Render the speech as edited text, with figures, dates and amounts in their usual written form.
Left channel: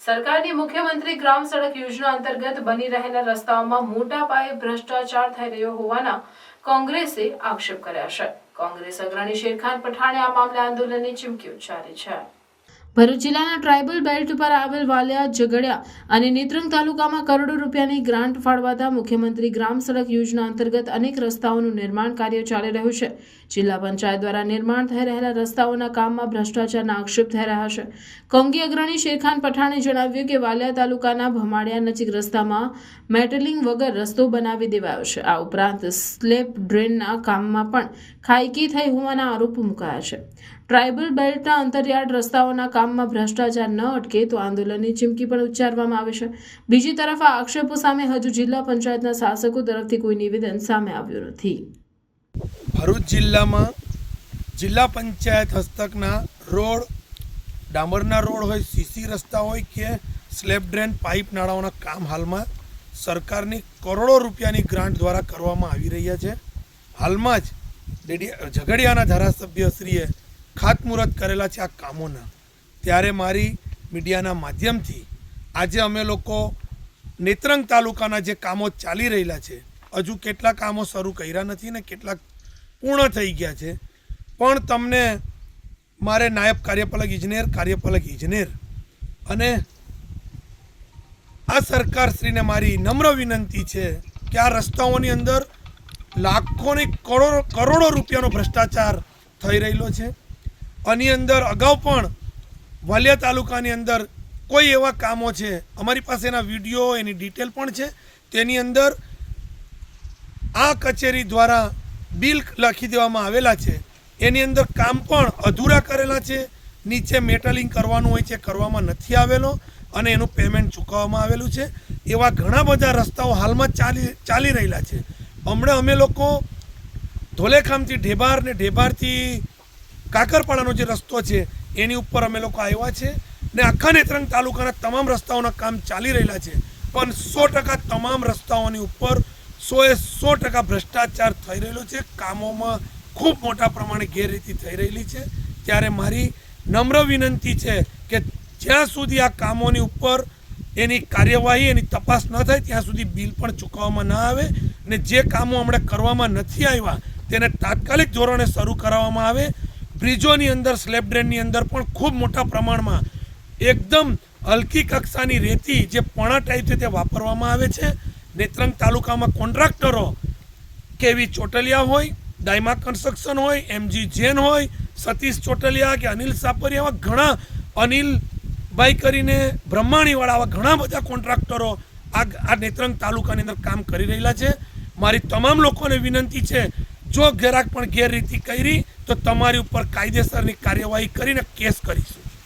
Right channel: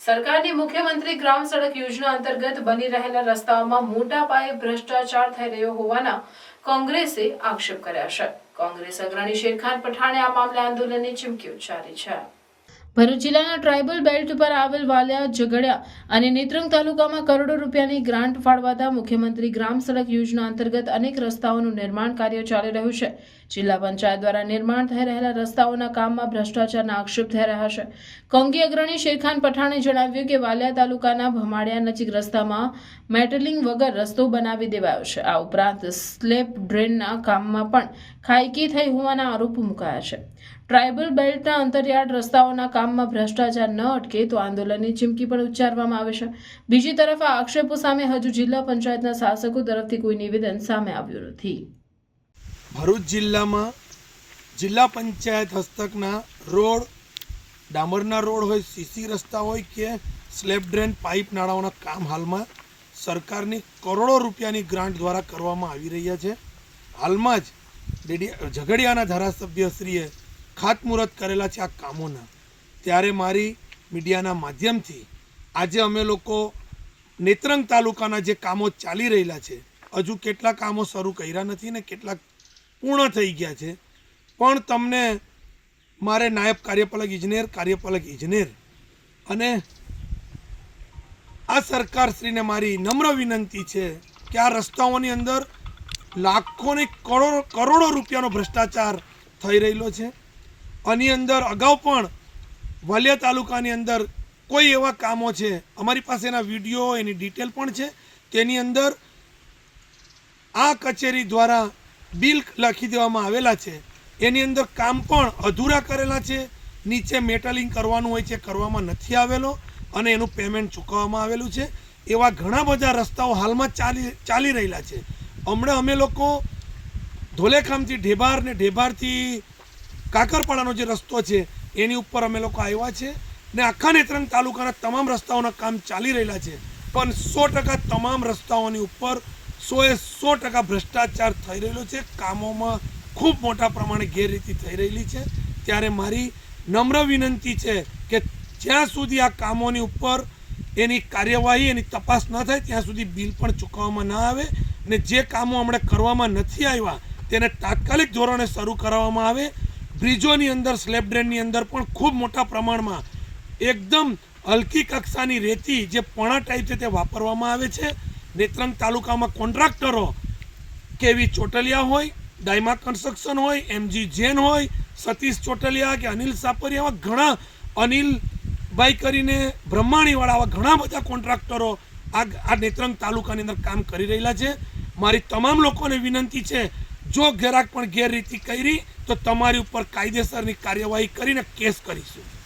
સરકારની મુખ્યમંત્રી ગ્રામ સડક યોજના અંતર્ગત બની રહેલા રસ્તાઓમાં મોટા પાયે ભ્રષ્ટાચાર થઈ રહ્યો હોવાના કોંગ્રેસે આક્ષેપ કર્યા છે। કોંગ્રેસ અગ્રણી શેરખાન પઠાણે આ મામલે આંદોલનની ચીમકી ઉચ્ચારી છે। ભરૂચ જિલ્લાના ટ્રાયબલ બેલ્ટ પર આવેલ વાલિયા, ઝઘડિયા અને નેત્રંગ તાલુકામાં કરોડો રૂપિયાની ગ્રાન્ટ ફાળવાતા મુખ્યમંત્રી ગ્રામ સડક યોજના અંતર્ગત અનેક રસ્તાઓનું નિર્માણ કાર્ય ચાલી રહ્યું છે। જિલ્લા પંચાયત દ્વારા નિર્માણ થઈ રહેલા રસ્તાઓના કામમાં ભ્રષ્ટાચારના આક્ષેપ થઈ રહ્યા છે। કોંગી અગ્રણી શેરખાન પઠાણે જણાવ્યું કે વાલિયા તાલુકાના ભમાડિયા નજીક રસ્તામાં મેટલિંગ વગર રસ્તો બનાવી દેવાયો છે। આ ઉપરાંત સ્લેબ ડ્રેનના કામમાં પણ ખાયકી થઈ હોવાના આરોપ મુકાયા છે। ટ્રાયબલ બેલ્ટના અંતરિયાળ રસ્તાઓના કામમાં ભ્રષ્ટાચાર ન અટકે તો આંદોલનની ચીમકી પણ ઉચ્ચારવામાં આવે છે। બીજી તરફ આ આક્ષેપો સામે હજુ જિલ્લા પંચાયતના શાસકો તરફથી કોઈ નિવેદન સામે આવ્યું નથી। ભરૂચ જિલ્લામાં જિલ્લા પંચાયત હસ્તકના રોડ, ડામરના રોડ હોય, સીસી રસ્તા હોય કે સ્લેબ ડ્રેન, પાઇપ નાળાઓના કામ હાલમાં સરકારની કરોડો રૂપિયાની ગ્રાન્ટ દ્વારા કરવામાં આવી રહ્યા છે। હાલમાં જ ઝઘડિયાના ધારાસભ્યશ્રીએ ખાતમુહૂર્ત કરેલા છે આ કામોના। ત્યારે મારી મીડિયાના માધ્યમથી આજે અમે લોકો નેત્રંગ તાલુકાના જે કામો ચાલી રહેલા છે, હજુ કેટલાક કામો શરૂ કર્યા નથી ને કેટલાક પૂર્ણ થઈ ગયા છે, પણ તમને મારે નાયબ કાર્યપાલક ઇજનેર અને આ સરકારશ્રીને મારી નમ્ર વિનંતી છે કે આ રસ્તાઓની અંદર લાખોની કરોડો રૂપિયાનો ભ્રષ્ટાચાર થઈ રહેલો છે। આની અંદર અગાઉ પણ વાલિયા તાલુકાની અંદર કોઈ એવા કામો છે, અમારી પાસે એના વિડીયો, એની ડિટેલ પણ છે, તેની અંદર આ કચેરી દ્વારા બિલ લખી દેવામાં આવેલા છે, એની અંદર કામ પણ અધૂરા કરેલા છે, નીચે મેટલિંગ કરવાનું હોય છે, કરવામાં નથી આવેલો અને એનું પેમેન્ટ ચૂકવવામાં આવેલું છે। એવા ઘણા બધા રસ્તાઓ હાલમાં ચાલી રહેલા છે। હમણાં અમે લોકો ધોલેખામથી ઢેબાર ને ઢેબારથી કાકરપાડાનો જે રસ્તો છે એની ઉપર અમે લોકો આવ્યા છે ને આખા નેત્રંગ તાલુકાના તમામ રસ્તાઓના કામ ચાલી રહેલા છે, પણ 100% તમામ રસ્તાઓની ઉપર 100% ભ્રષ્ટાચાર થઈ રહેલો છે। કામોમાં ખૂબ મોટા પ્રમાણે ગેરરીતિ થઈ રહેલી છે। ત્યારે મારી નમ્ર વિનંતી છે કે જ્યાં સુધી આ કામોની ઉપર એની કાર્યવાહી, એની તપાસ ન થાય ત્યાં સુધી બિલ પણ ચૂકવવામાં ન આવે ને જે કામો હમણાં કરવામાં નથી આવ્યા તેને તાત્કાલિક ધોરણે શરૂ કરાવવામાં આવે। બ્રિજોની અંદર, સ્લેબ ડ્રેનની અંદર પણ ખૂબ મોટા પ્રમાણમાં એકદમ હલકી કક્ષાની રેતી જે પણા ટાઈપ છે તે વાપરવામાં આવે છે। નેત્રંગ તાલુકામાં કોન્ટ્રાક્ટરો કેવી ચોટલિયા હોય, ડાયમા કન્સ્ટ્રક્શન હોય, એમજી જૈન હોય, સતીશ ચોટલિયા કે અનિલ સાપરિયા, આવા ઘણા અનિલભાઈ કરીને બ્રહ્માણીવાળા, આવા ઘણા બધા કોન્ટ્રાક્ટરો આ નેત્રંગ તાલુકાની અંદર કામ કરી રહેલા છે। મારી તમામ લોકોને વિનંતી છે, જો જરાક પણ ગેરરીતિ કરી તો તમારી ઉપર કાયદેસરની કાર્યવાહી કરીને કેસ કરીશું।